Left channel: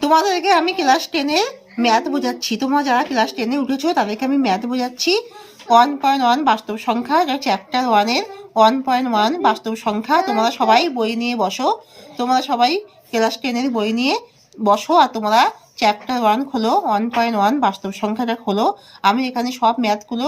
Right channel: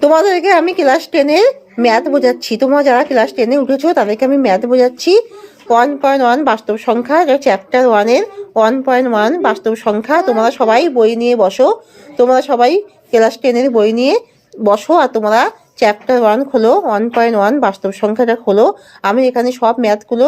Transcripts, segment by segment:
তোমাদেরকে আমি class 10-এর math বোঝাচ্ছি। তোমরা যারা ক্লাস 10-এ উঠেছো তাদেরকে আমি ম্যাথ বোঝাচ্ছি। 1.1 বাস্তব সংখ্যা, চ্যাপ্টার 1-এর 1.1 বাস্তব সংখ্যা। তোমরা সবাই বই নিয়ে বসো, তোমরা সবাই ক্লাস 10-এর বই নিয়ে বসো আর তোমরা চ্যাপ্টার 1 খোলো, 1.1 বাস্তব সংখ্যাটা খোলো। আমি এখানে সব ম্যাথগুলো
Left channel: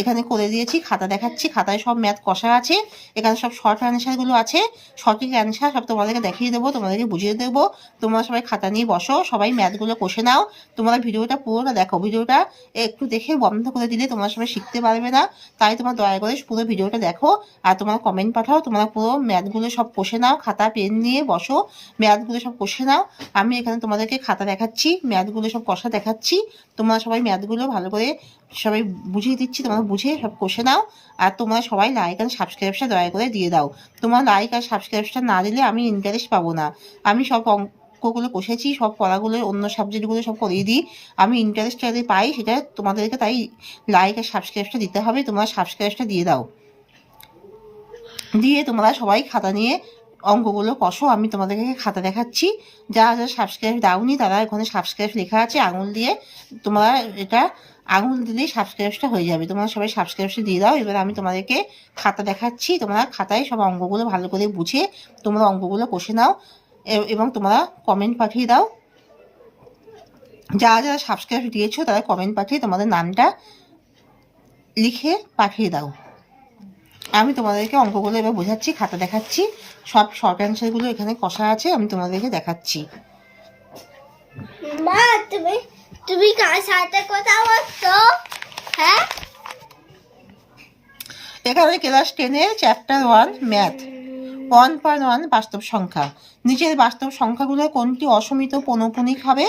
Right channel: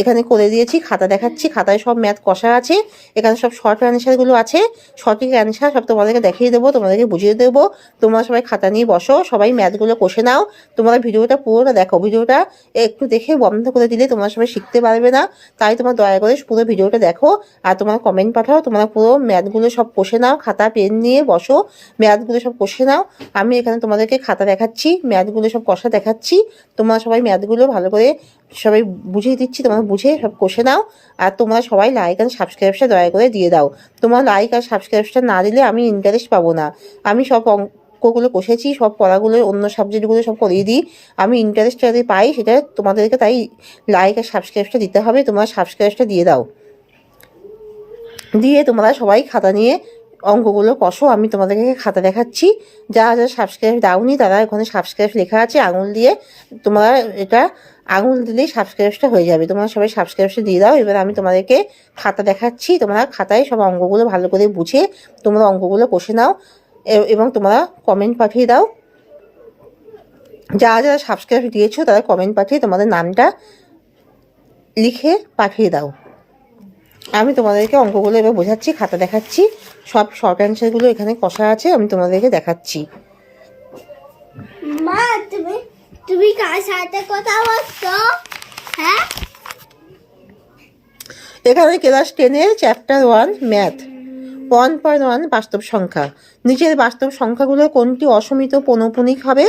এখানে করে দিয়েছি, খাতা দেখাচ্ছি, খাতায় সব ম্যাথ কষা আছে। এখানে সব শর্ট অ্যান্সারগুলো আছে, সঠিক অ্যান্সার সব তোমাদেরকে দেখিয়ে দেবো, তোমাদেরকে বুঝিয়ে দেবো। তোমরা সবাই খাতা নিয়ে বসো, সবাই ম্যাথগুলো কষে নাও। তোমরা ভিডিওটা পুরোটা দেখো, ভিডিওটা একটু দেখে বন্ধ করে দিলে তোমরা সবাই শিখতে পারবে না। তাই তোমরা দয়া করে পুরো ভিডিওটা দেখো আর তোমরা কমেন্ট পাঠাও। তোমরা পুরো ম্যাথগুলো সব কষে নাও, খাতা পেন নিয়ে বসো, ম্যাথগুলো সব কষে নাও। আমি এখানে তোমাদেরকে খাতা দেখাচ্ছি, ম্যাথগুলো সব কষা দেখাচ্ছি। তোমরা সবাই ম্যাথগুলো ভালো করে সবাই বুঝিয়ে দিচ্ছি, তোমরা বুঝে সব কষে নাও। আর তোমরা সবাই লাইক আর সাবস্ক্রাইবটা দয়া করে দিয়ে দাও। তোমরা লাইক আর সাবস্ক্রাইবটা না দিলে আমি ইন্টারেস্ট পাবো না। আমি সব অঙ্কগুলো কষেছি, সব পড়াগুলো অন্য সাবজেক্টগুলো সব করিয়ে দিই। আমি ইন্টারেস্ট যাতে পাই সেটা তোমাদেরকে, তাই লাইক আর সাবস্ক্রাইবটা দিতে হবে। তোমরা সাবস্ক্রাইবটা দিয়ে দাও, দিয়ে তোমরা সবাই খাতা নিয়ে অঙ্কগুলো কষো। আমি তোমাদেরকে খাতা দেখাচ্ছি। যারা যারা সাবস্ক্রাইব দাওনি তারা ওখানে সাবস্ক্রাইব লেখা আছে আঙুল দিয়ে, তোমরা এটা আঙুল দিলেই সাবস্ক্রাইবটা হয়ে যাবে। তোমরা সবাই সাবস্ক্রাইবটা দিয়ে দাও। এবার আমি তোমাদেরকে খাতা দেখাচ্ছি, তোমরা খাতায় সব অঙ্কগুলো ভালো করে বুঝে তোমরা অঙ্কগুলো কষে নাও এবং তোমরা কমেন্ট পাঠিয়ে দাও। যারা যারা সাবস্ক্রাইব দিয়েছো তারা কমেন্ট পাঠিয়ে তোমাদের নামটা লিখে পাঠিয়ে দাও। আমি তোমাদেরকে অঙ্কগুলো এবার বোঝাচ্ছি, খাতা দেখাচ্ছি, সব শর্ট অ্যান্সারগুলো এখানে কষা আছে, আমি তোমাদেরকে দেখাচ্ছি। মা তুমি কার সাথে কথা বলছো? হ্যাঁ, এখানে ক্লাস 10-এর চ্যাপ্টার 1 ম্যাথ 1.1 বাস্তব সংখ্যা। নিচের বাস্তব সংখ্যাগুলোর কোনটি অসীমিত পৌনঃপুনিক হবে?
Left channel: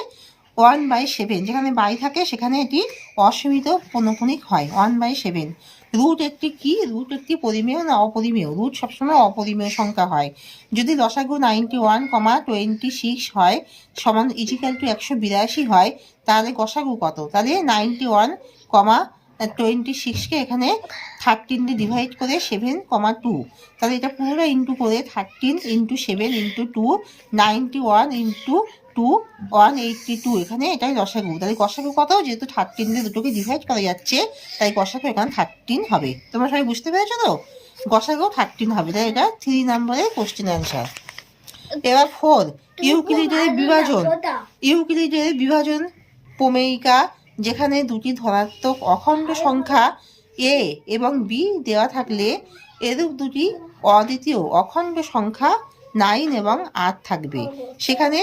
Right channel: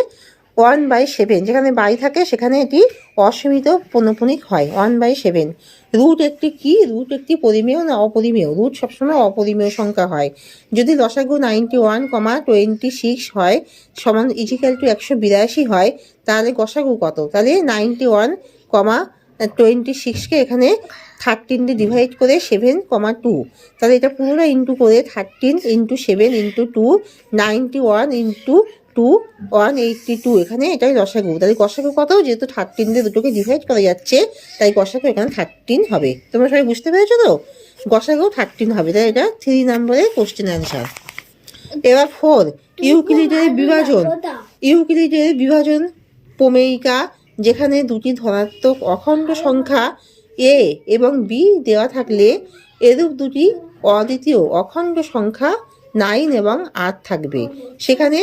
1/7। যেখানে বাই থাকে সেখানে এটি অসীমিত পৌনঃপুনিক হয়, 1/7। রুট একটি কি? রুট একটি পরিমেয় না অপরিমেয়? রুট সবসময় অপরিমেয় সংখ্যা হয়। যদি লসাগু 91,26 হয় সমান ইজিক্যাল টু 182 হয়, তাহলে গসাগু কত? তাহলে 91,26কে এখানে 13 দিয়ে ডিভাইড করে 7,2, তাহলে এটা পুরোটা ইন্টু করে 13 × 7 × 2, 91 × 2 182। এখানে এটাই গসাগু। তাহলে গসাগু কত? যেহেতু 13 দিয়ে দুটোকে ডিভাইড করা যাচ্ছে তাই গসাগু এখানে 13 হবে। তোমরা সবাই বুঝতে পেরেছো তো? গসাগু 13 হবে। তাই এটা 3 নম্বরের কোশ্চেন অ্যান্সার। এবার 4, ইউক্লিডের বিভাজন। ইউক্লিডের বিভাজন প্রমেয়িকা, যেখানে দুটি ধনাত্মক অখণ্ড সংখ্যা a এবং b দেওয়া থাকলে এরূপ দুটি অদ্বিতীয় অখণ্ড সংখ্যা 9 এবং 8 থাকবে। সেখানে